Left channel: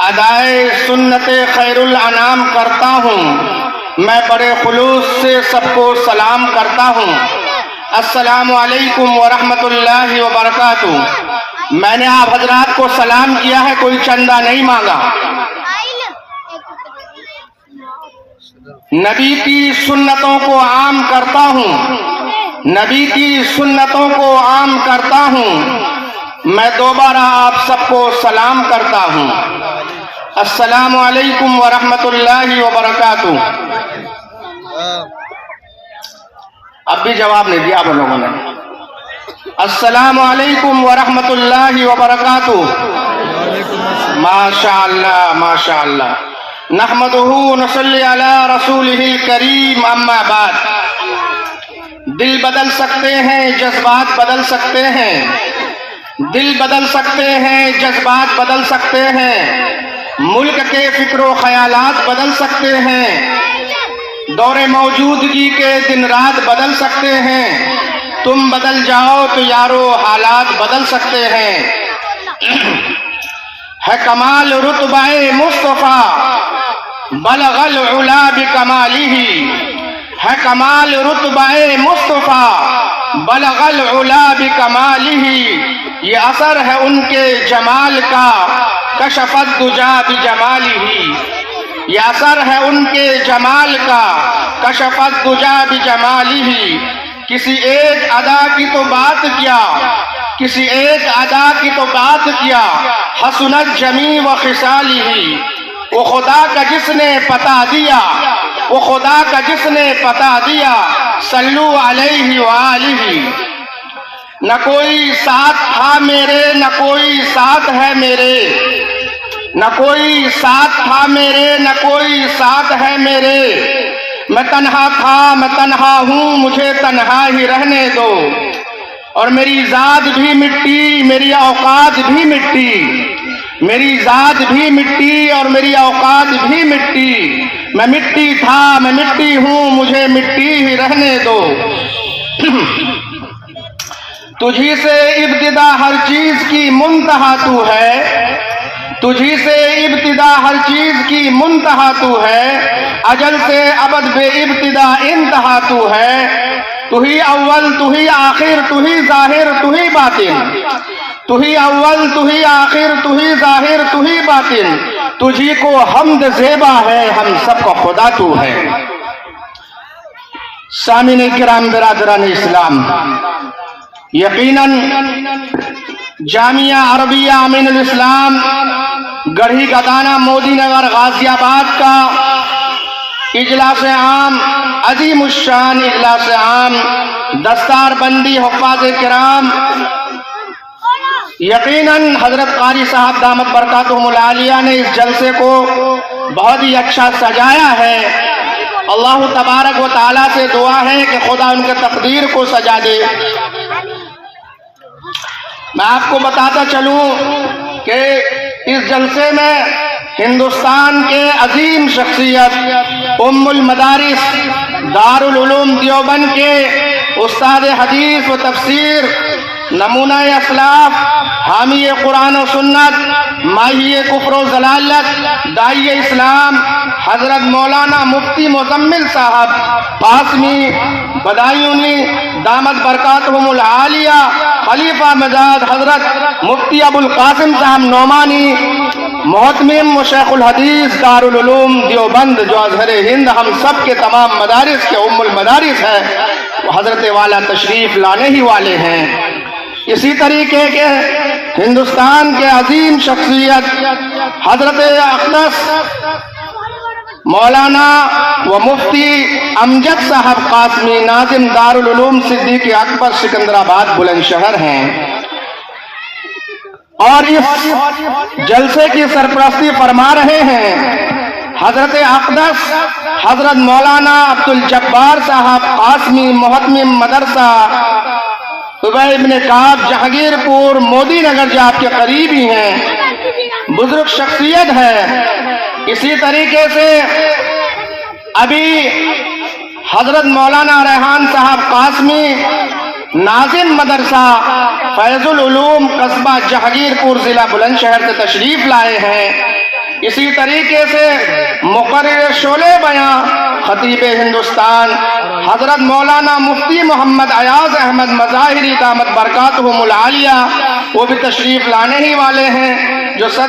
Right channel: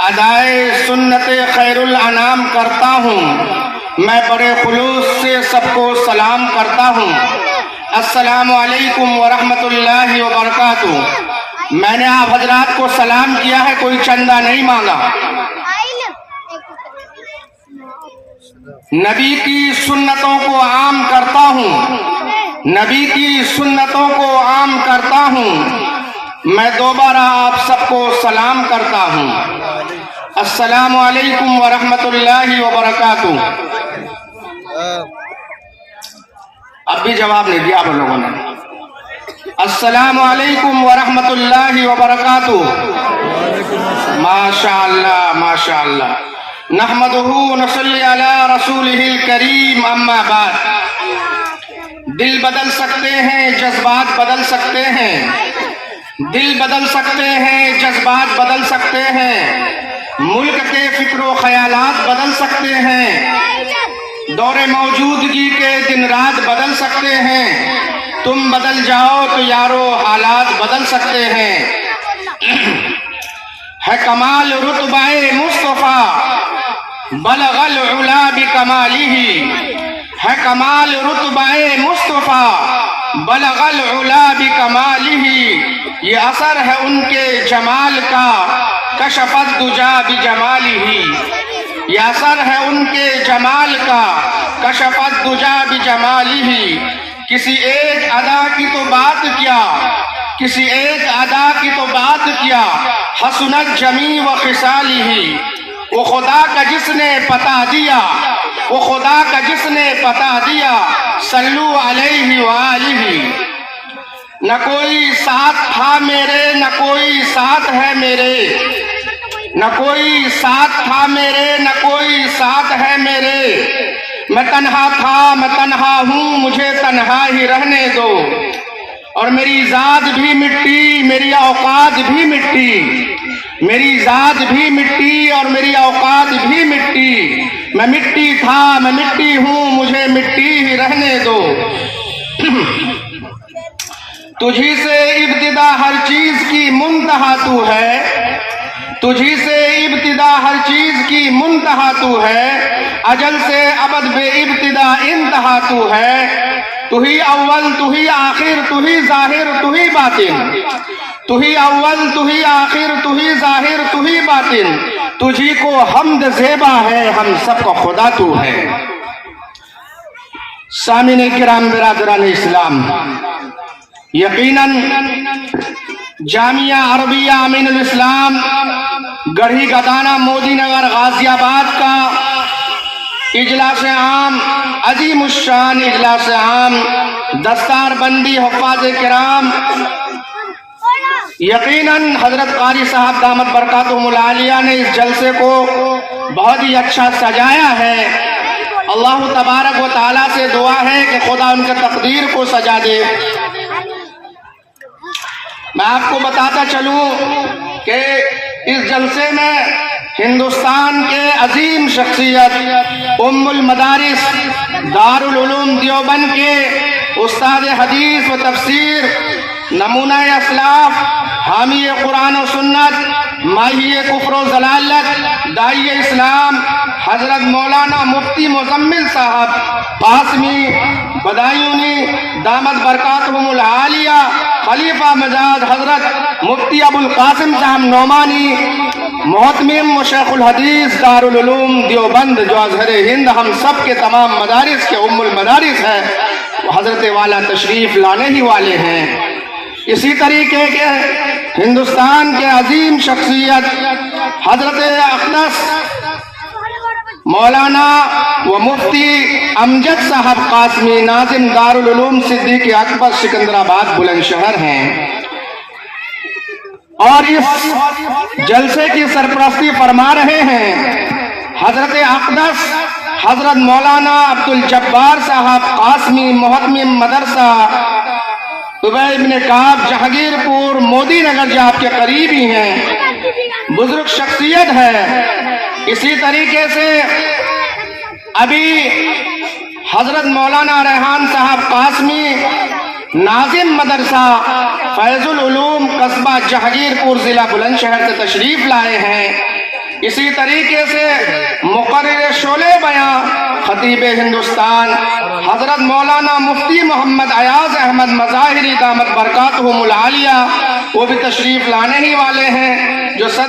ادائے سنت خیر الانام کرتا ہوں، میں بڑے خلوص سے سب کو سلام کرتا ہوں۔ السلام علیکم ورحمۃ اللہ وبرکاتہ۔ میں نے آپ حضرات کو سلام کیا ہے، کوئی چندہ نہیں مانگا۔ نبی کی سنتوں کو عام کرتا ہوں، نبی کی سنتوں کو عام کرتا ہوں، میں دوبارہ آپ سب کو سلام کرتا ہوں۔ السلام علیکم ورحمۃ اللہ وبرکاتہ۔ اب بھی جواب نہیں دیا آپ لوگوں نے۔ السلام علیکم ورحمۃ اللہ وبرکاتہ۔ ماشاء اللہ ماشاء اللہ۔ نحمدہ ونصلی علی رسولہ الکریم، اما بعد۔ دل بدل سکتے ہیں، جذبات بدل سکتے ہیں، دل بدل سکتے ہیں، جذبات بدل سکتے ہیں، ملک کے فکر و خیالات بدل سکتے ہیں، دور موجودگی کے دن رات بدل سکتے ہیں، تم بدل جاؤ تو یارو حالات بدل سکتے ہیں۔ ہے کمال رتبہ مصطفیٰ بلغ العلا بکمالہ، ہے کمال رتبہ مصطفیٰ بلغ العلا بکمالہ، یہ اثر ہے ان کے جمال کا کشف الدجا بجمالہ، یہ اثر ہے ان کے جمال کا کشف الدجا بجمالہ۔ کسی ایک ادا کی تو بات کیا، کسی ایک ادا کی تو بات کیا، حسنت جمیع و خصالہ، وہ خدا کا جس نے پتا دیا، وہ خدا کا جس نے پتا دیا، صلو علیہ وآلہ۔ نہ کوئی ساتھ تھا میرے، نہ کوئی ساتھ ہے میرے، نہ کوئی ساتھ تھا میرے، نہ کوئی ساتھ ہے میرے، میں تنہا تھا میں تنہا ہوں، مجھے تنہا ہی رہنے دو، اور میری ذات بھی مٹی میری اوقات بھی مٹی، میری ذات بھی مٹی اور میری اوقات بھی مٹی، میں مٹی تھا میں مٹی ہوں، مجھے مٹی ہی رہنے دو۔ تجھی سے ابتدا ہر چیز کی منتہا تو ہے، تجھی سے ابتدا ہر چیز کی منتہا تو ہے، اجل سے ابد بے ابتدا انتہا تو ہے، تو ہی اول تو ہی آخر تو ہی ظاہر تو ہی باطن، تو ہی اول تو ہی آخر تو ہی ظاہر تو ہی باطن، تجھی کو حمد زیبا ہے، ہم سب کا خدا تو ہے۔ سامعین کرام برادران اسلام، یقیناً جامعہ عربیہ امین الاسلام گڑھی گدانہ مودی نگر غازی آباد کا اجلاس عام، عظیم الشان اجلاس عام، دستار بندی حفاظ کرام، یقیناً حضرت قاری صاحب دامت برکاتہم العالیہ نے اس جلسے کو بہت ہی اچھا سجایا ہے۔ اللہ تبارک و تعالیٰ سے دعا ہے کہ خدا ان کے تقدیر کو سجا دے۔ میں آپ کو بتاتا چلوں کہ اس جلسے میں ہندوستان کے عظیم شخصیت ام المدارس دارالعلوم دیوبند کے استاد حدیث و تفسیر، نمونہ اسلاف، حامی قرآن و سنت، ماہی کفر و ضلالت، داعی اسلام حضرت مولانا مفتی مزمل صاحب قاسمی بدایونی دامت برکاتہم العالیہ، خلیفہ مزاد حضرت مفتی ابو القاسم صاحب نعمانی، محتمم و شیخ الحدیث دارالعلوم دیوبند جو ازہر ہند ہم سب کے تمام مدارس کے ام المدارس ہے، وہ حضرت والا تشریف لانے ہی والے ہیں۔ اسی طریقے کے ہندوستان کے عظیم شخصیت حضرت اقدس مولانا و مفتی امجد صاحب قاسمی ناظم دارالعلوم صدیق اکبر سکندرآباد بلند شہر ہیں، اور اس جلسے کی سرپرستی فرما رہے ہیں حضرت اقدس حضرت مولانا عبدالجبار صاحب قاسمی، محتمم مدرسہ ابی ابن کعب جہانگیر پور مودی نگر جو آپ کے قریبی ہیں، بزرگ شخصیت ہے۔ اسی طریقے سے ابھی حضرت مولانا ریحان صاحب قاسمی ناظم مدرسہ فیض العلوم قصبہ جہانگیر پور ضلع بلند شہر سے تشریف لائے ہیں۔ اسی طریقے سے مقرر شعلے بیاں خطیب ہندوستان حضرت مولانا مفتی محمد ایاز احمد مظاہری دامت برکاتہم العالیہ وہ بھی تشریف لانے ہی والے ہیں، جو صدر